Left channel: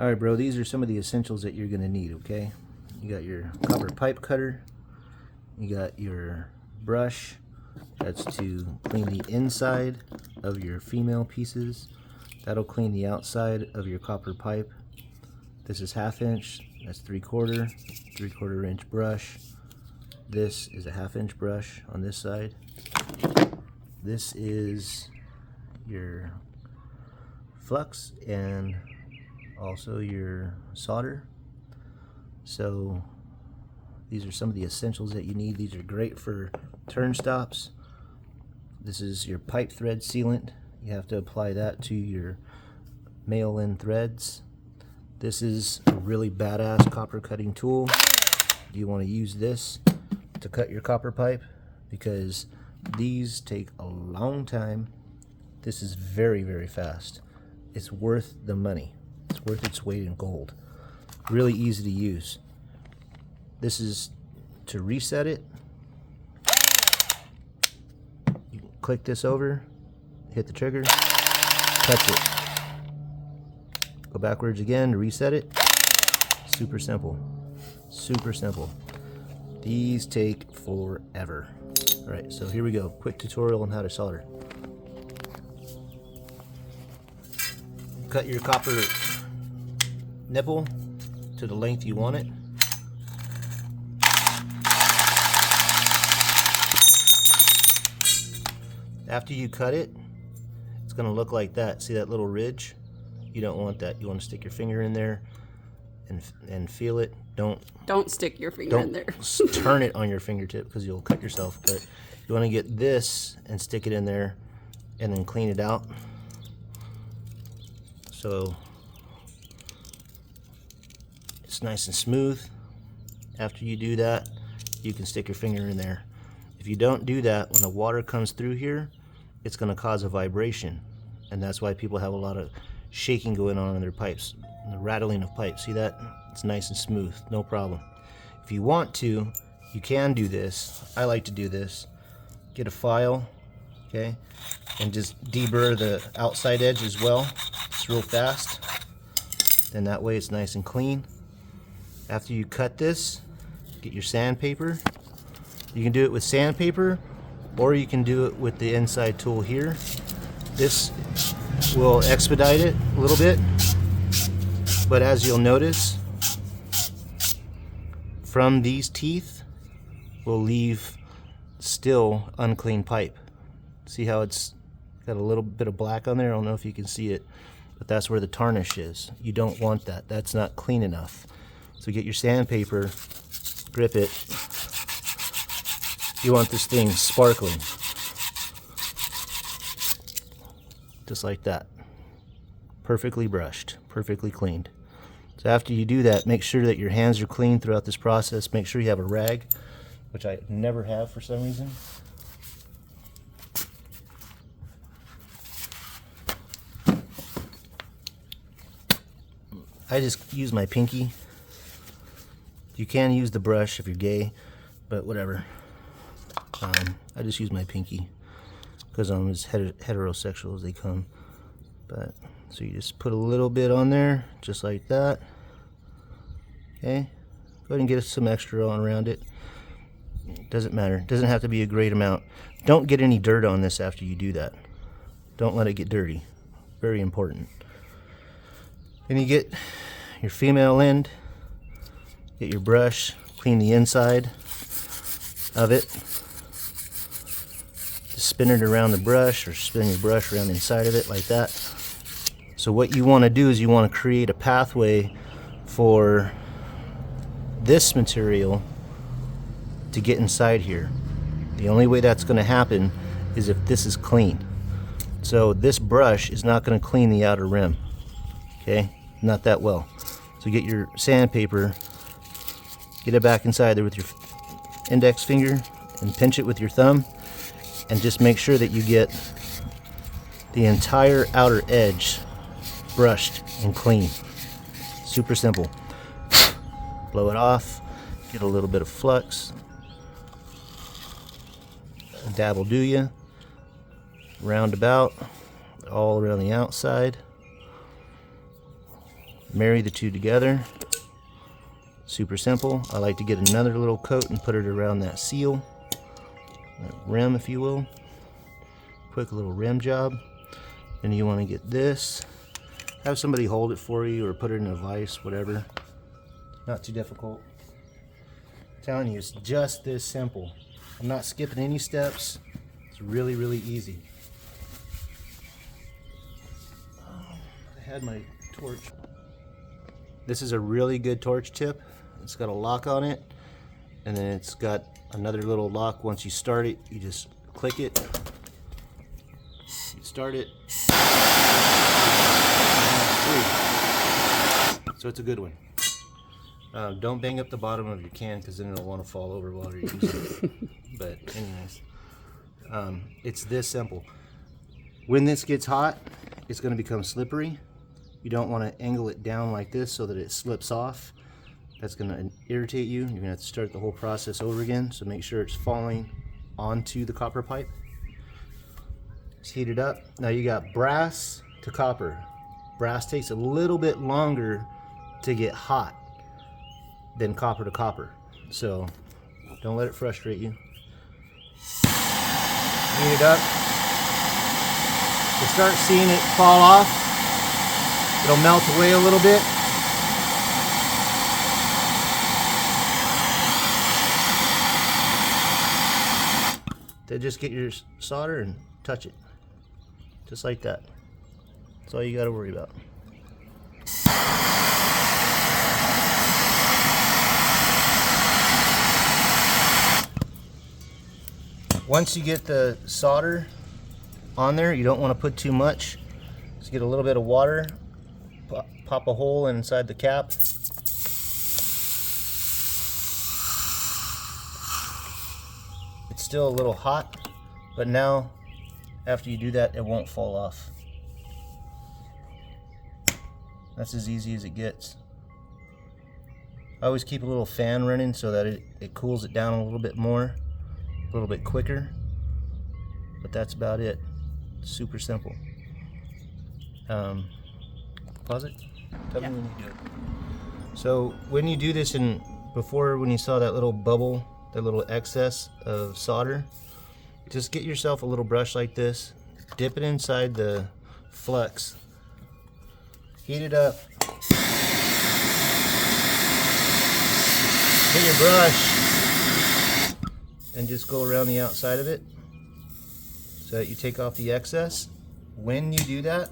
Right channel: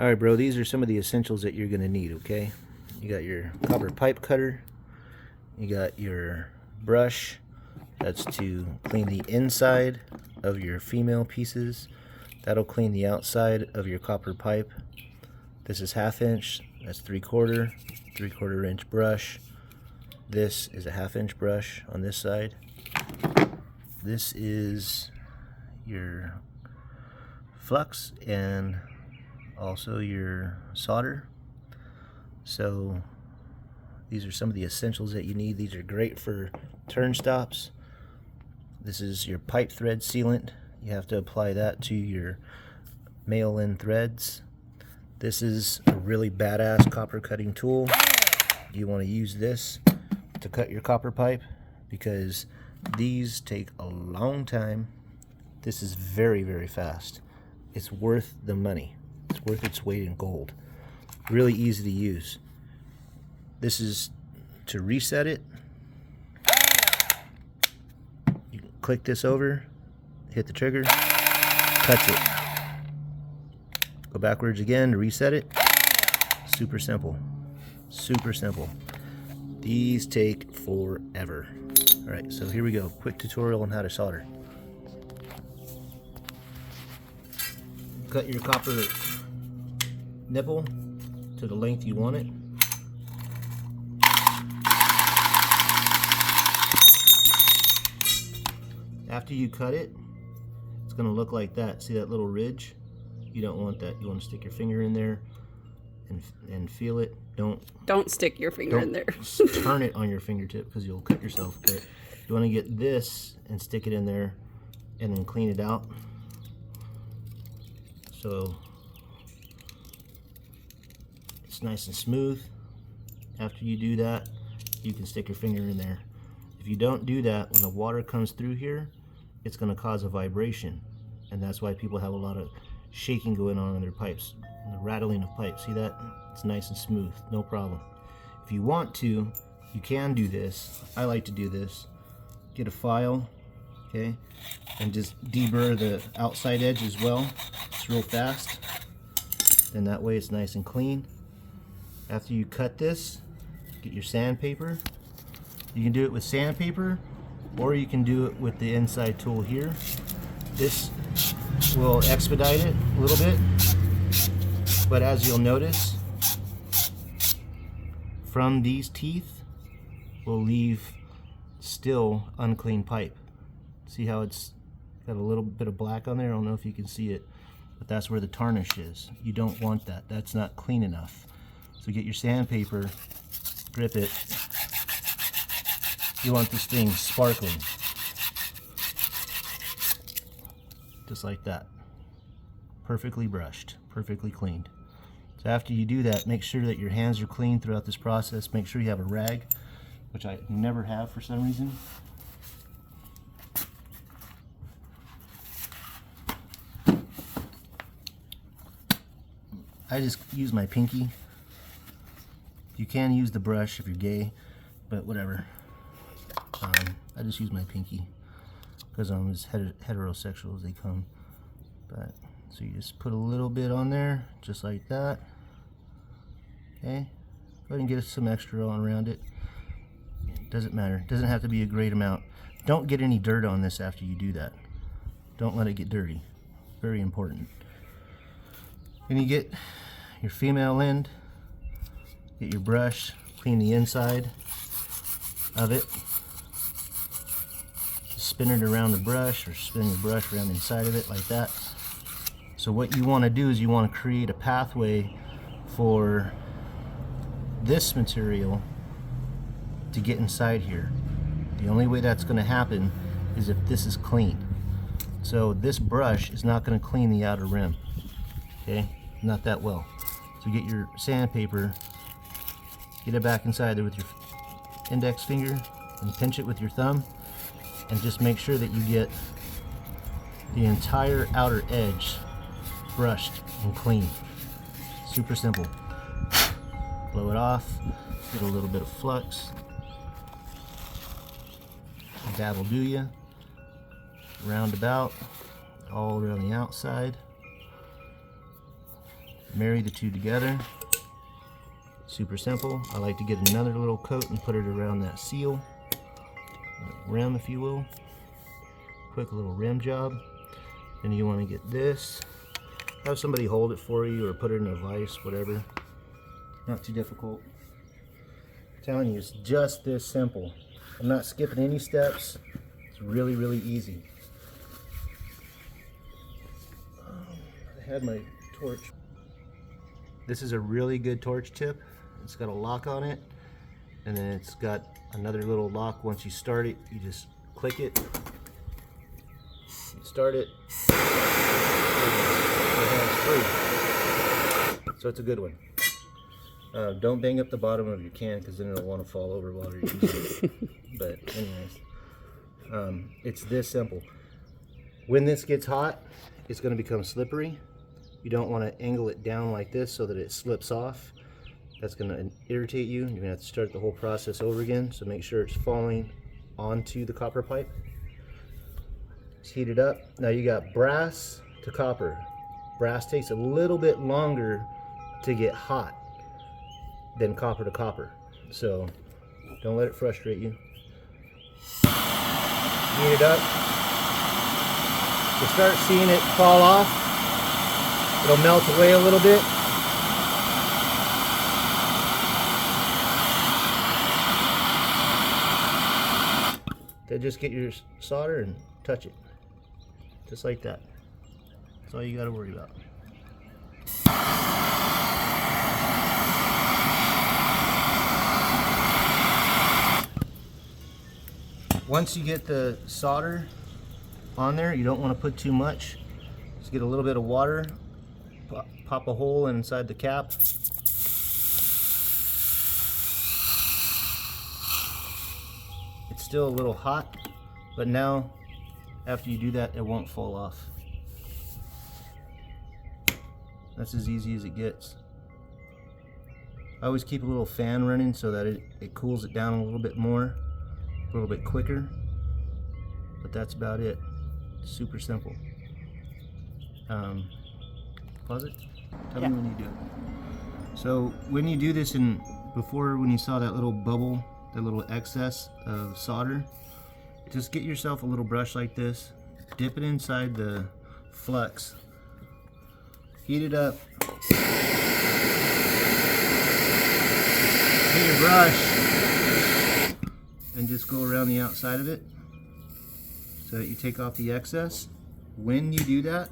Alright, bro, these are some of the essentials that you're going to need, okay? You got your copper pipe cutter, you got your brush, that's to clean the inside of your female pieces. That'll clean the outside of your copper pipe. This is 1/2 inch, that's 3/4 inch brush. This is a 1/2 inch brush on this side. This is your flux and also your solder. So these are some of the essentials that you need. These are great for turn stops. This is your pipe thread sealant. You have to apply that to your male end threads. This is a really badass copper cutting tool. You want to use this to cut your copper pipe because these take a long time. This is very, very fast. It's worth the money. It's worth its weight in gold. Really easy to use. This is to reset it. You can click this over, hit the trigger, cuts it. Go backwards again to reset it. Super simple. Super simple. These take forever. Alright, so here we go. Quick tutorial on how to solder. Cut your copper nipple to the length you want it. After you cut it, it's going to look like that. See that little ridge? You don't want that. You want to stick your finger in there and feel it. Don't stick your finger in there. Turn it on your fingertip because you'll cut yourself. But you want to get this and stick it in there and then clean it out. So it's nice and smooth. After you do that, you can stick your finger in there. If you don't do that, when the water comes through here, it's going to cause a vibration, and that's why people have a lot of shaking going on in their pipes, the rattling of pipes. See that? It's nice and smooth, no problem. If you want to, you can do this. I like to do this. Get a file, okay, and just deburr the outside edge as well. It's real fast. Then that way it's nice and clean. After you cut this, get your sandpaper. You can do it with sandpaper, or you can do it with the inside tool here. This will expedite it a little bit, but as you'll notice, from these teeth will leave still unclean pipe. See how it's got a little bit of black on there? I don't know if you can see it, but that's where the tarnish is. You don't want that. That's not clean enough. So get your sandpaper, grip it. You want this thing sparkling. Just like that. Perfectly brushed, perfectly cleaned. So after you do that, make sure that your hands are clean throughout this process. Make sure you have a rag, which I never have for some reason. I just use my pinky. You can use the brush if you're gay, but whatever. I just use my pinky because I'm as heterosexual as they come. But so you just put a little bit on there, just like that. Okay, go ahead and get some extra on around it. Doesn't matter. Doesn't have to be a great amount. Don't get any dirt on this after you do that. Don't let it get dirty. Very important. Then you get your female end. Get your brush. Clean the inside of it. Just spin it around the brush, or spin your brush around the inside of it like that. So what you want to do is you want to create a pathway for this material to get inside here. The only way that's going to happen is if this is clean. So this brush is not going to clean the outer rim. Okay, not that well. So get your sandpaper, get it back inside there with your index finger and pinch it with your thumb, and just make sure that you get the entire outer edge brushed and clean. Super simple. Blow it off, get a little bit of flux, dabble do ya, round about, all around the outside. marry the two together. Super simple. I like to get another little coat and put it around that seal, that rim if you will. Quick little rim job. And you want to get this. Have somebody hold it for you or put it in a vise, whatever. Not too difficult. I'm telling you, it's just this simple. I'm not skipping any steps. It's really, really easy. I had my torch. This is a really good torch tip. It's got a lock on it, and then it's got another little lock. Once you start it, you just click it. You start it. So it's a good one. Don't bang up the bottom of your can because then it'll want to fall over while you're using it. But anyways, it's this simple. When this gets hot, it's going to become slippery. You don't want to angle it down like this so that it slips off. That's going to irritate you. You're going to have to start the whole process over again. So make sure it's falling onto the copper pipe. It's heated up. Now you got brass to copper. Brass takes a little bit longer to get hot than copper to copper. So don't let it frustrate you. Heat it up. You'll start seeing it fall off. It'll melt away a little bit. Then just get your solder and touch it. Just like that. That's all you got to worry about. Once you get the solder on there, you don't want to put too much. Just get a little bit of water, pop a hole inside the cap. It's still a little hot, but now after you do that, it won't fall off. That's as easy as it gets. I always keep a little fan running so that it cools it down a little bit more, a little bit quicker, but that's about it. Super simple. Pause it. Tell me when you do it. So when you do this, when you saw that little bubble, that little excess of solder, just get yourself a little brush like this, dip it inside the flux, heat it up, get your brush, and just go around the outside of it so that you take off the excess. When you do that,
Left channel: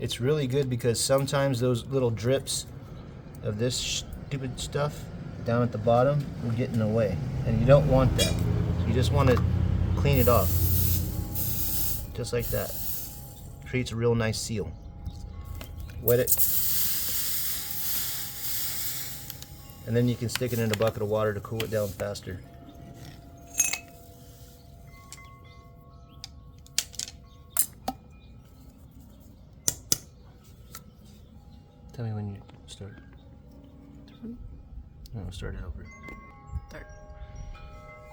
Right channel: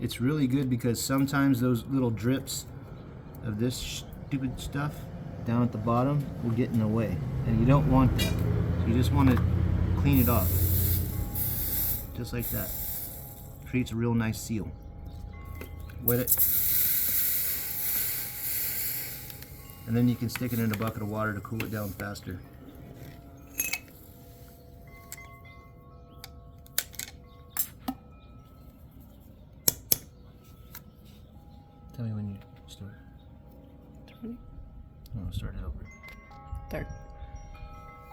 it's really good because sometimes those little drips of this stupid stuff down at the bottom will get in the way, and you don't want that. So you just want to clean it off, just like that. Creates a real nice seal. Wet it, and then you can stick it in a bucket of water to cool it down faster. Tell me when you start. 20. No, start it over. There.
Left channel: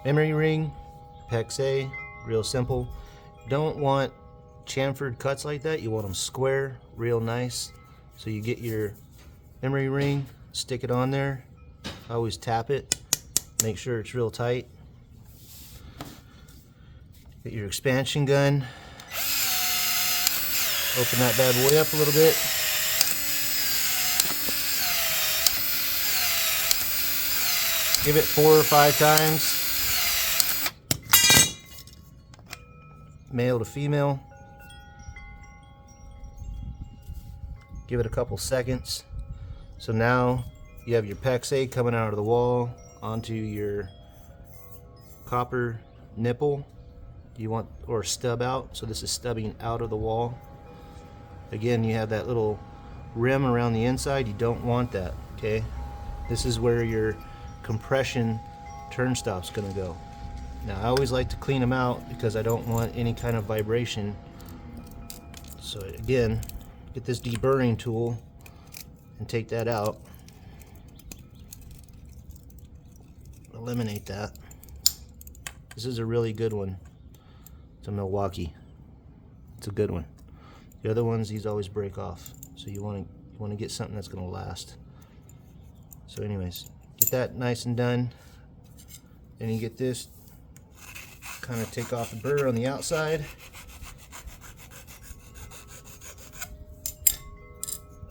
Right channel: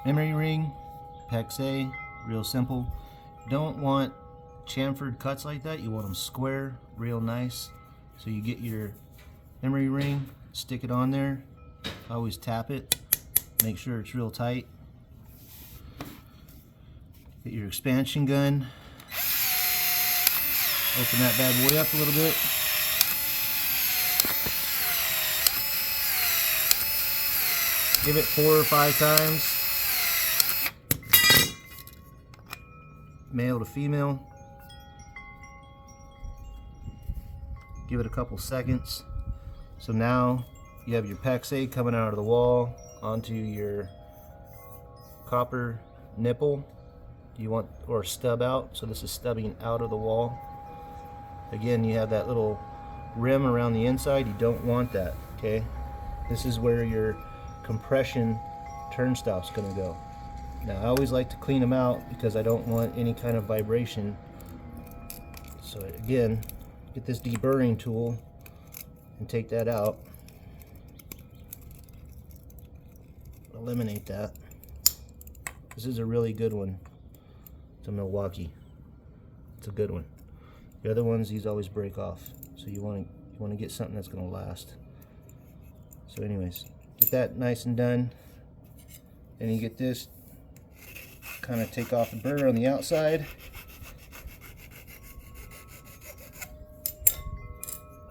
Emery ring, PEX-A, real simple. Don't want chamfered cuts like that. You want them square, real nice. So you get your emery ring, stick it on there. Always tap it. Make sure it's real tight. Get your expansion gun. Open that bad boy up a little bit. Give it 4 or 5 times. Male to female. Give it a couple seconds. So now you have your PEX-A coming out of the wall onto your copper nipple. You want, or stub out. So this is stubbing out of the wall. Again, you have that little rim around the inside. You don't want that, okay? This is where your compression turnstop's gonna go. Now I always like to clean them out because I don't want any kind of vibration. So again, get this deburring tool and take that out. Eliminate that. This is a really good one. It's a Milwaukee. It's a good one. The other ones, these always break off. So you want You want to get something that's going to last. So anyways, get that nice and done. Then you get this, kind of take off the burr on the outside.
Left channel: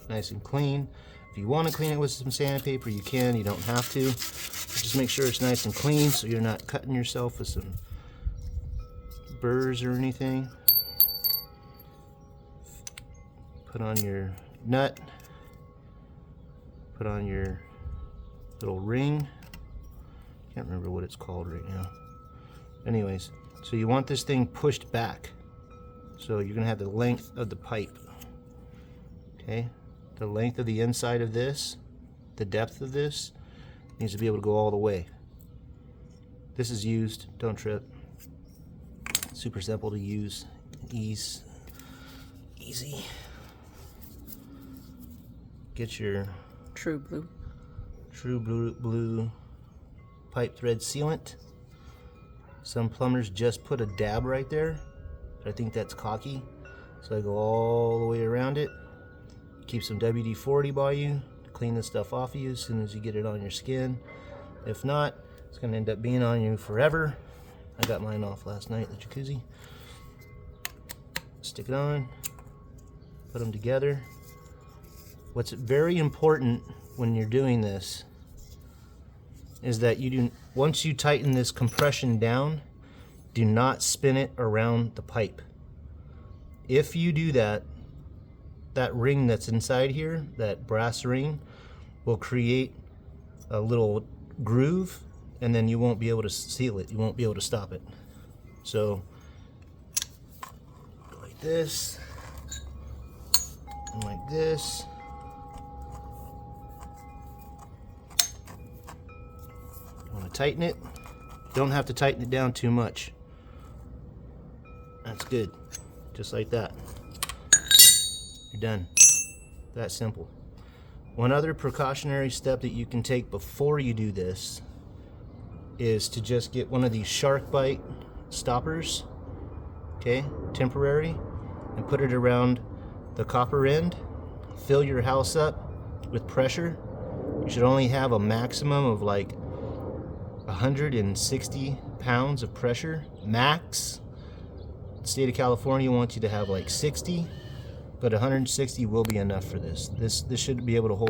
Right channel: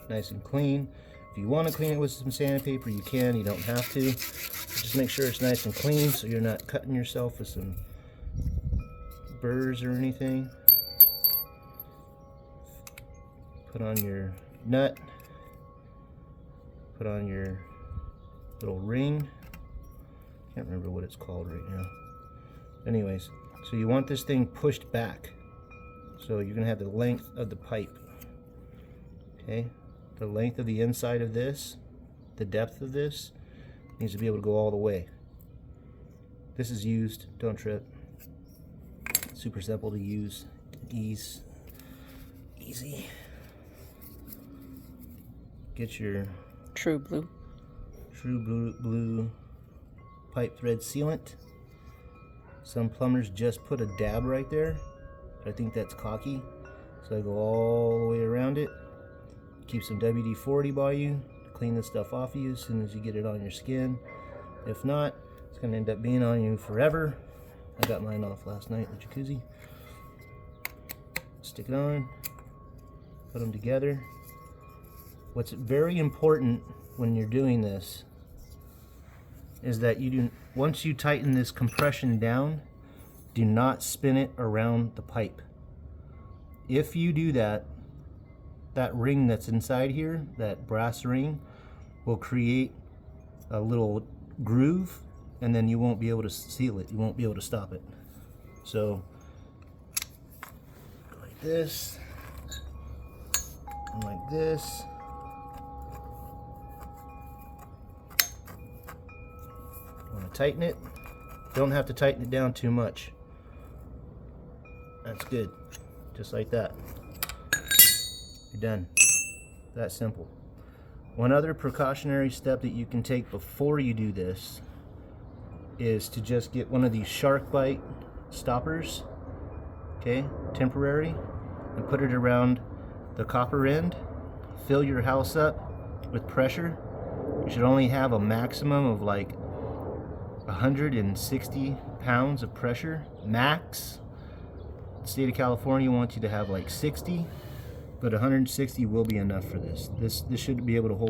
Nice and clean. If you want to clean it with some sandpaper, you can. You don't have to. Just make sure it's nice and clean so you're not cutting yourself with some burrs or anything. Put on your nut. Put on your little ring. Can't remember what it's called right now. Anyways, so you want this thing pushed back. So you're gonna have the length of the pipe. Okay, the length of the inside of this, the depth of this, needs to be able to go all the way. This is used, don't trip. Super simple to use, easy. Get your True blue. True blue pipe thread sealant. Some plumbers just put a dab right there, but I think that's cocky. So I go all the way around it. Keep some WD-40 by you to clean the stuff off of you as soon as you get it on your skin. If not, it's going to end up being on you forever. I got mine off last night in the jacuzzi. Stick it on, put them together. What's very important when you're doing this is that you do, once you tighten this compression down, do not spin it around the pipe. If you do that, that ring that's inside here, that brass ring, will create a little groove, and then you won't be able to seal it. You won't be able to stop it. So, like this, and like this. You want to tighten it. Don't have to tighten it down too much. That's good. Just like that. You're done. That simple. One other precautionary step that you can take before you do this is to just get one of these shark bite stoppers, okay, temporary, and put it around the copper end. Fill your house up with pressure. You should only have a maximum of like 160 pounds of pressure, max. The state of California wants you to have like 60, but 160 will be enough for this. This should be able to hold